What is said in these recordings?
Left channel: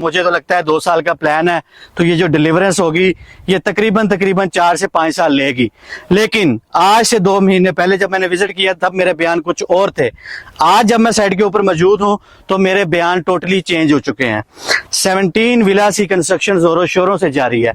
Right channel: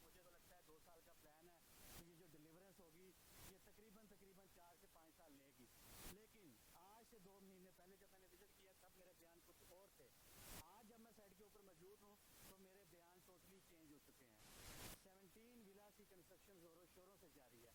मुझे तो लगता है 2 साल का प्लान है, तो ये जो डिलीवरेंस होगी ये तकरीबन 4 से 5 साल लेगी। लेकिन आज से 2 महीने पहले जब मैंने विजिट किया तब मेरे बयान कुछ और थे। आज जब मैं साइट के ऊपर मौजूद हूं तो मेरे बयान टोटली चेंज हो चुके हैं। 17 विलास की कंस्ट्रक्शन जोरों शोरों से जारी है।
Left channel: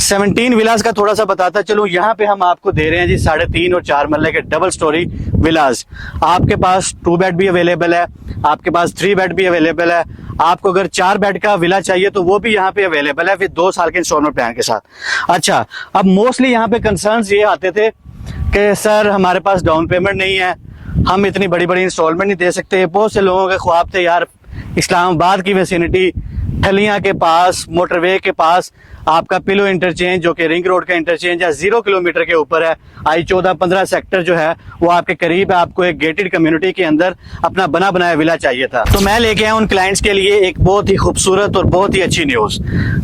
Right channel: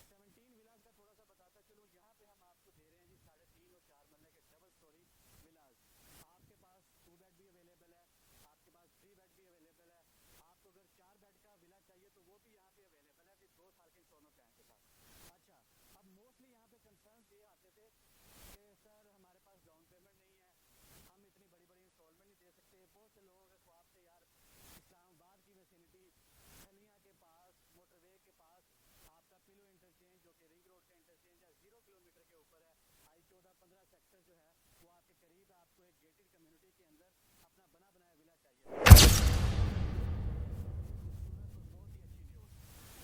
17 विलास का थोड़ा सा बताता चलूं। यहाँ पे हम आपको दे रहे हैं जी 3.5 और 4 मरले के डबल स्टोरी विलास। आपके पास 2 बेड भी अवेलेबल है, आपके पास 3 बेड भी अवेलेबल है। आपको अगर 4 बेड का विला चाहिए तो वो भी यहाँ पे अवेलेबल है, फिर 2 साल के इंस्टॉलमेंट प्लान के साथ। अच्छा, अब मोस्टली यहाँ पे कंसर्न्स ये आते थे कि सर हमारे पास डाउन पेमेंट नहीं है, हम इतनी बड़ी बड़ी इंस्टॉलमेंट नहीं दे सकते। बहुत से लोगों के ख्वाब थे यार इस्लामाबाद की विसिनिटी, ठलियां के पास, मोटरवे के पास आपका पिलो इंटरचेंज जो कि रिंग रोड का इंटरचेंज है 0 किलोमीटर के ऊपर है। I-14-15 सेक्टर जो है वो आपके करीब है। आपको एक गेटेड कम्युनिटी के अंदर अपना बना बनाया विला चाहिए था। तो मैं लेके आया उन क्लाइंट्स के लिए एक बहुत ही खूबसूरत और बहुत ही अच्छी न्यूज।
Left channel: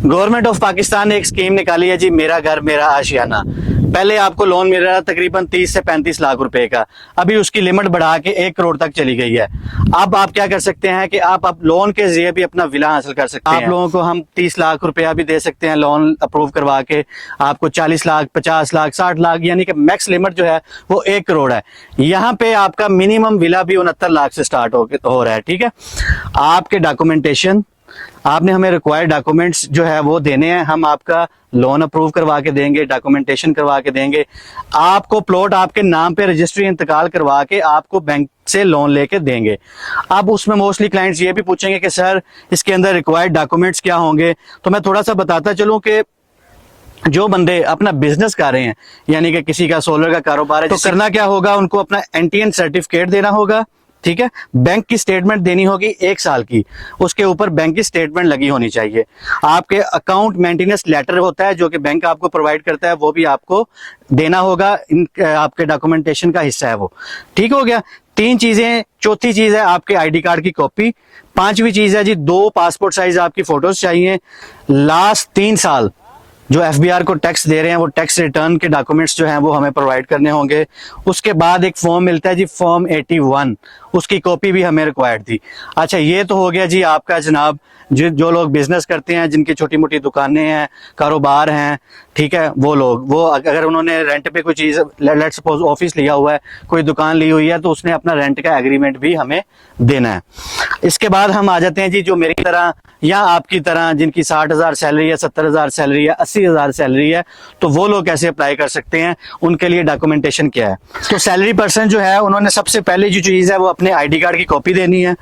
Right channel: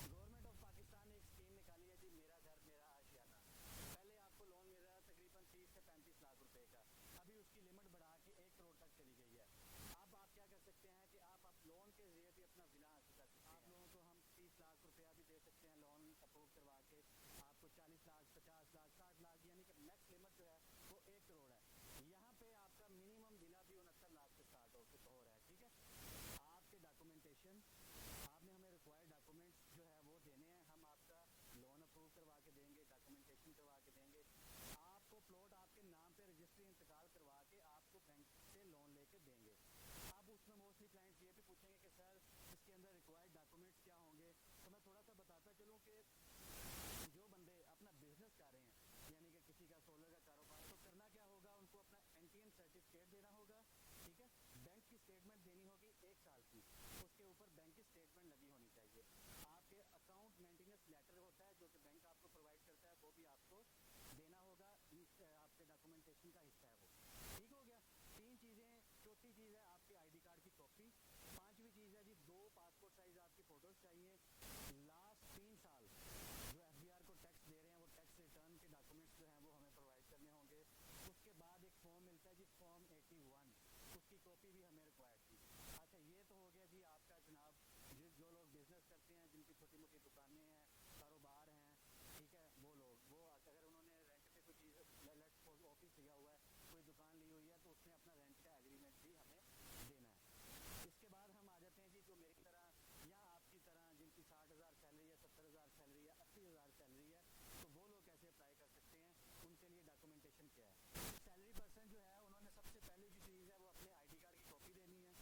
गवर्नमेंट ऑफ पाकिस्तान ने एक स्कीम निकाली है जी, मेरा घर मेरा आशियाना। पहले आपको लोन मिल रहा था तकरीबन 30 से 35 लाख रुपए का, अभी उसकी लिमिट बढ़ा के 1 करोड़ तक चली गई है। अब आप क्या कर सकते हैं कि आप लोन के जरिए भी अपना विला हासिल कर सकते हैं। आप लोगों को हम 30 लाख रुपया भी दे सकते हैं लोन अप्रूव करवा के, आपको 40 लाख, 50 लाख, 60 लाख, यानी कि मैक्स लिमिट जो है वो 1 करोड़ है। यहाँ पे आपका मिनिमम विला भी 69 लाख से स्टार्ट हो रहा है। ठीक है, आपके डॉक्यूमेंटेशन, आपने हमें रिक्वायर्ड डॉक्यूमेंट्स जो है वो देने हैं, हम आपका लोन अप्रूव करवा के देंगे, डॉक्यूमेंटेशन करवा के देंगे। आपको प्लॉट आपके नाम पे रजिस्ट्री इंतकाल करवा के आपको बैंक से लोन लेके देंगे। अब उसमें मोस्टली क्लाइंट्स ये भी पूछेंगे कि सर इसके अंदर रिक्वायर्ड डॉक्यूमेंट्स क्या होंगे, तो मैं थोड़ा सा बताता चलूं कि जो बंदे अपना बिजनेस कर रहे हैं, यानी कि किसी का सोलर का कारोबार है, तो करना क्या होगा, उनको अपना एनटीएन सर्टिफिकेट देना होगा। ठीक है, बैंक की स्टेटमेंट देनी होगी 1 साल की, उसके ऊपर बैंक की स्टेटमेंट लगी होनी चाहिए। आपके अकाउंट मेंटेनेंस लेटर होता है जो कि बैंक आपको प्रोवाइड करता है, वो भी आपको देना होगा। आपके डॉक्यूमेंटेशन का हिस्सा है वो। ठीक हो गया, 3 चीजें। चौथी चीज है आपके आईडी कार्ड की कॉपी। 5वीं चीज है जी 2 पासपोर्ट साइज आपकी फोटोज चाहिए। लास्ट 3 साल जो एफबीआर को टैक्स दे रहे हैं वो टैक्स रिटर्न के डॉक्यूमेंट्स जो हैं वो हमें प्रोवाइड करने होंगे। उसके बाद एक फॉर्म मिलता है जी फॉर्म 81, उसकी कॉपी भी हमें रिक्वायर्ड थी। अच्छा, ये तो हो गया जी आपका जनाब जो लोग बिजनेस करते हैं, जिनकी छोटी मोटी दुकानें हैं, कारोबार हैं। ठीक है, वो लोग, वो अगर उन्होंने रेंट पे कोई चीज, लेट्स सपोज ऑफिस लिया हुआ है, कोई दुकान ली हुई है, तो उसने अपना रेंट का एग्रीमेंट भी हमें देना है। इसके बाद हम आ जाते हैं जी जो मेरी तरह या आपकी तरह जिनकी 60,000 सैलरी है, 70,000 सैलरी है, 80,000 सैलरी है, तो वो लोग कैसे अप्लाई कर सकते हैं, उनके लिए डॉक्यूमेंटेशन क्या है। तो सैलरी पर्सन जो है उन्होंने सबसे पहले जो चीज है वो अपने आईडी कार्ड की कॉपी देनी है।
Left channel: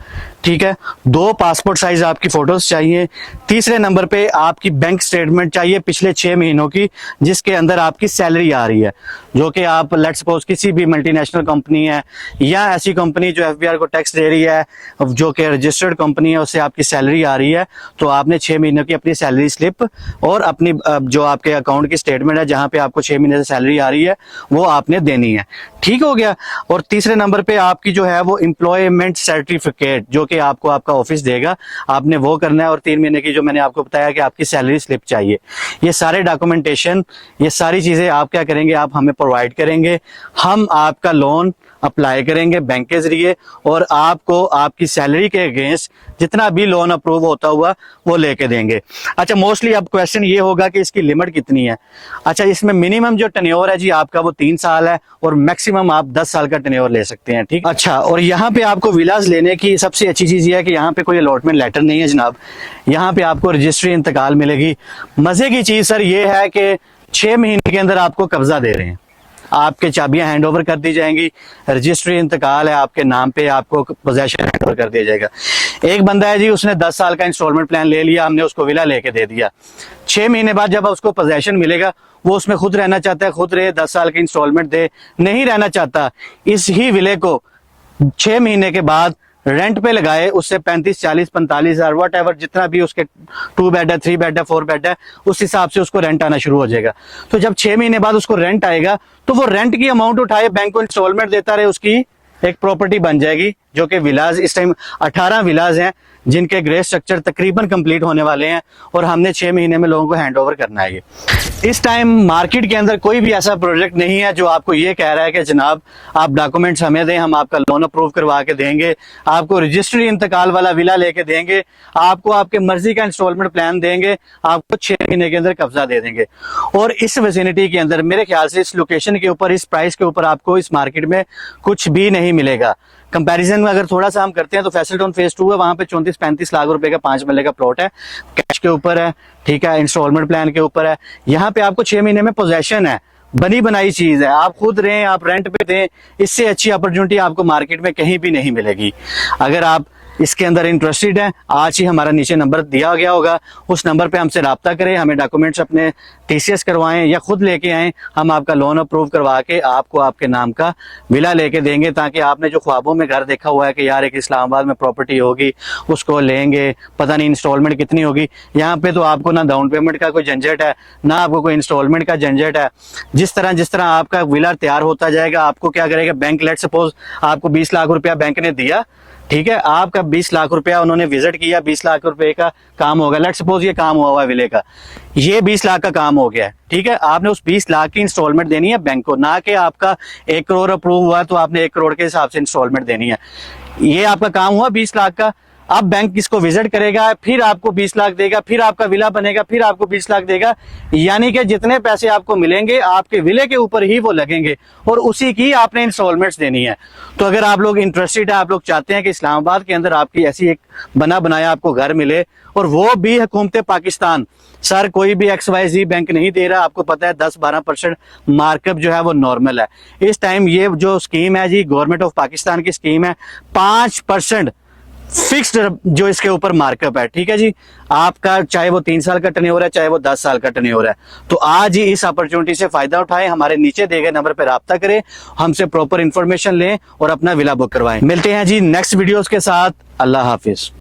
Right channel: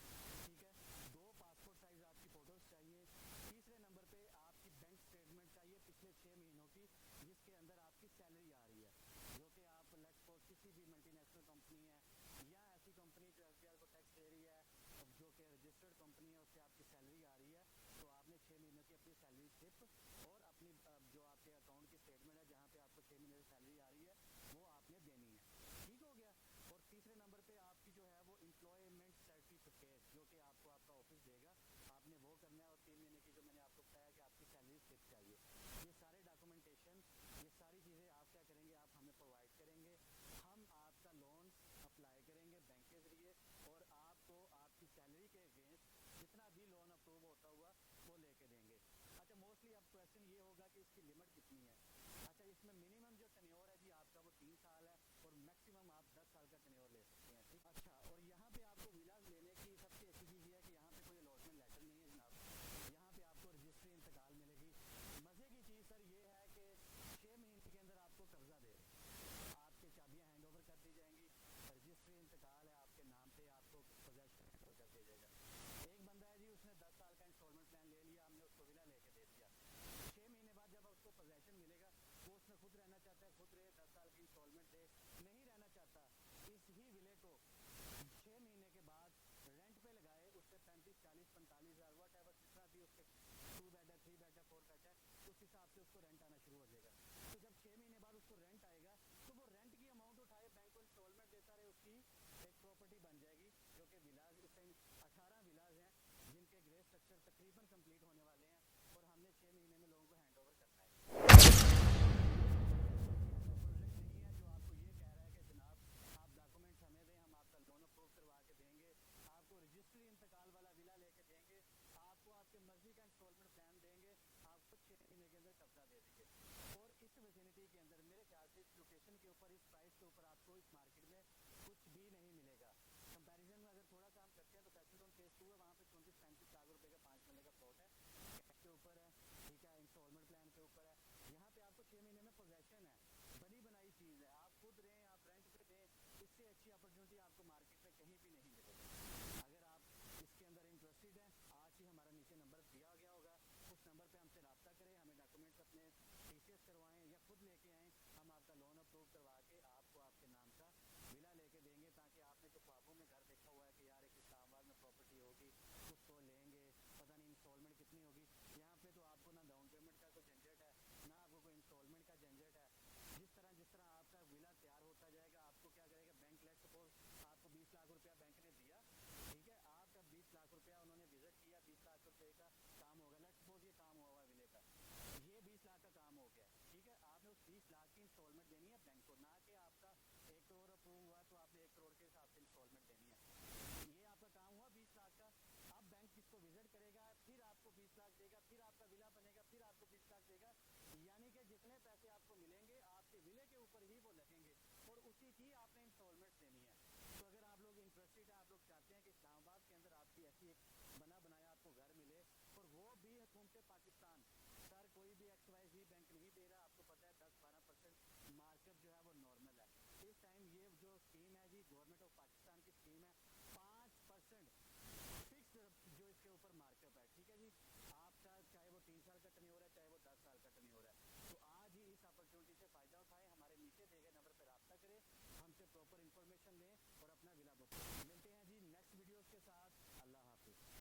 ठीक है, 2 पासपोर्ट साइज आपकी फोटोज चाहिए। तीसरे नंबर पे आपकी बैंक स्टेटमेंट चाहिए पिछले 6 महीनों की, जिसके अंदर आपकी सैलरी आ रही है, जो कि आप लेट्स सपोज किसी भी मल्टीनेशनल कंपनी है या ऐसी कंपनी जो एफबीआर को टैक्स दे रही है, जो कि रजिस्टर्ड कंपनी है, उससे आपकी सैलरी आ रही है, तो आपने 6 महीनों की अपनी सैलरी स्लिप और अपनी जो आपके अकाउंट की स्टेटमेंट है जहां पे आपको 6 महीने से सैलरी आ रही है वो आपने देनी है। ठीक हो गया। और तीसरे नंबर पे आपकी जो है वो एम्प्लॉयमेंट सर्टिफिकेट जो कि आपको आपका ऑफिस देगा, आपने वो करना है। और 3 महीने की जो मैंने आपको बताया कि आपकी सैलरी स्लिप चाहिए। ये सारे डॉक्यूमेंटेशन, ये सारी चीजें आप क्या करेंगे, आप हमें प्रोवाइड करेंगे। हम आपका लोन अप्लाई करेंगे बैंक के जरिए और आपको आपकी सैलरी के अगेंस्ट जितना भी लोन अप्रूव होता हुआ वो लेके देंगे। अच्छा, मोस्टली अब क्वेश्चन ये होगा कि इसकी लिमिट कितनी है। अच्छा, इसमें मिनिमम जो टेन्योर है जी आपका वो 3 साल है और मैक्सिमम आप 10 साल का टेन्योर ले सकते हैं। ठीक। अच्छा, और यहाँ पे आपको विलास लेने की सबसे अच्छी चीज ये है कि यहाँ पे कोई अलॉटमेंट लेटर नहीं है जनाब, यहाँ पे आपको रजिस्ट्री इंतकाल मिलेगी। मजे की चीज सर ये है कि 6 महीने के अंदर आपको कब्जा दे रहे हैं, आपके चाबियां हैंड ओवर कर दी जाएंगी, रजिस्ट्री इंतकाल है आपके नाम पे, आपको पोजेशन हैंड ओवर कर दिया जाएगा। एक बंदा है जी, उसने 10 साल का इंस्टॉलमेंट प्लान ले लिया, हमने उसको विला लेके दे दिया। 6 महीने बाद जब उसको पोजेशन मिलेगा, वो उसमें खुद रहना चाहता है, खुद रहे, 10 साल की इंस्टॉलमेंट दे। नहीं रहना चाहता, इस ही विले को 6 महीने के बाद रेंट पे लगाए, उससे 35, 40, 45 हजार वट एवर जितना भी उसके 2 बेड है, 3 बेड है, 4 बेड है, उस हिसाब से उसको रेंट आना शुरू हो जाएगा। तो जब 6 महीने बाद उसको रेंट आएगा तो वो रेंट की अमाउंट उठाए, बैंक को इंस्टॉलमेंट देता रहे, उसकी एक प्रॉपर्टी बन जाएगी। जो कि विलाज इस टाइम 18 विलाज हैं जिनके ग्रे स्ट्रक्चर तकरीबन कंप्लीट होने वाले हैं और हमने 6 महीने में लोगों को हैंड ओवर करना है। ये इस टाइम मार्केट के अंदर कोई भी ऐसा प्रोजेक्ट नहीं है जो आपको ये कह रहा है कि जनाब आप डॉक्यूमेंट्स हमें दें, हम आपका लोन अप्रूव करवा के देंगे, आपको रजिस्ट्री इंतकाल वाला विला लेके देंगे, आपको आपके मर्जी का इंस्टॉलमेंट प्लान देंगे, आपको 6 महीने के अंदर कब्जा दे देंगे। और इस विसिनिटी के अंदर मेरे ख्याल से इस लोकेशन के ऊपर, इस प्राइस के ऊपर आपको इस मार्केट में कुछ भी नहीं मिलेगा। कंपैरिजन में अगर थोड़ा सा हम करते हैं तो फैसल टाउन फेज 2 है, वहां पे 34-35 लाख रुपए का 5 मरले का प्लॉट है, कैश के ऊपर है, ठीक है, इंस्टॉलमेंट प्लान के ऊपर है। यहाँ पे आपको 6 महीने में पोजेशन है, बनी बनाई चीज है, आप खुद रहें, आप रेंट पे दें, इससे अच्छी अपॉर्चुनिटी आपको मार्केट में कहीं भी नहीं मिलेगी। अगर आप इसके अंदर इंटरेस्टेड है, आज ही हमारा नीचे नंबर दिया गया होगा, उस नंबर पे हमसे रब्ता करें, हमें डॉक्यूमेंट्स अपने टीसीएस करवाएं या खुद लेके आएं, हम आपका लोन अप्रूव करवा के आपको आपके नाम का विला लेके देंगे, ताकि आपने जो ख्वाबों में घर देखा हुआ है कि यार एक इस्लामाबाद में प्रॉपर्टी होगी, उसको लेंगे, पता नहीं इंस्टॉलमेंट कितनी होगी, यहाँ पे तो आपको ना डाउन पेमेंट का कोई झंझट है, ना आपको कोई इंस्टॉलमेंट का झंझट है। जिस तरह आपका विला तैयार होता जाएगा, आपको क्या करेगा बैंक, लेट सपोज आपको 20 लाख रुपया बैंक ने दिया, ठीक है, आपका 20 लाख रुपया उन्होंने विजिट किया, 20 लाख रुपए का काम होगा, लेट सपोज ये काम हुआ विले का, ये 20 लाख का काम हो गया है, ठीक है, आपने उस 20 लाख की इंस्टॉलमेंट देनी है बैंक को, ना कि आपका 1 करोड़ अप्रूव हुआ तो आपने 1 करोड़ के हिसाब से इंस्टॉलमेंट देनी है। ये आपका काम हुआ 20 लाख का, अब बैंक इसको विजिट करेगा, फिर आपको 20 लाख देगा, फिर आपका विला बनेगा, फिर आपको 20 लाख देगा, यानी कि जितने पैसे आपको मिलेंगे आपके विले के ऊपर ही वो लगेंगे और उसी की आपने इंस्टॉलमेंट्स देनी है। तो अगर आप लोग इंटरेस्टेड है, आप लोग चाहते हैं कि इस्लामाबाद के अंदर आपकी ऐसी एक बना बनाया आपको घर मिले, और वो भी हुकूमत पाकिस्तान, सर कोई भी XYZ बैंक नहीं दे रहा, आपको पता है 10-12% मार्कअप जो है वो नॉर्मल है। इस टाइम ये जो स्कीम है जी, गवर्नमेंट ऑफ पाकिस्तान की स्कीम है, 5% फिक्स्ड जो इसके ऊपर मार्कअप है, ठीक है जी, आपका चाहे वो 3 साल का टर्नओवर है, चाहे वो 10 साल का टर्नओवर है। तो आज ही इस अपॉर्चुनिटी से फायदा उठाएं, हमारे नीचे दिए गए नंबर पर राब्ता करें, हमसे प्रॉपर इंफॉर्मेशन लें और अपना विला बुक करवाएं। मिलते हैं जी नेक्स्ट वीडियोस के साथ। अल्लाह हाफिज।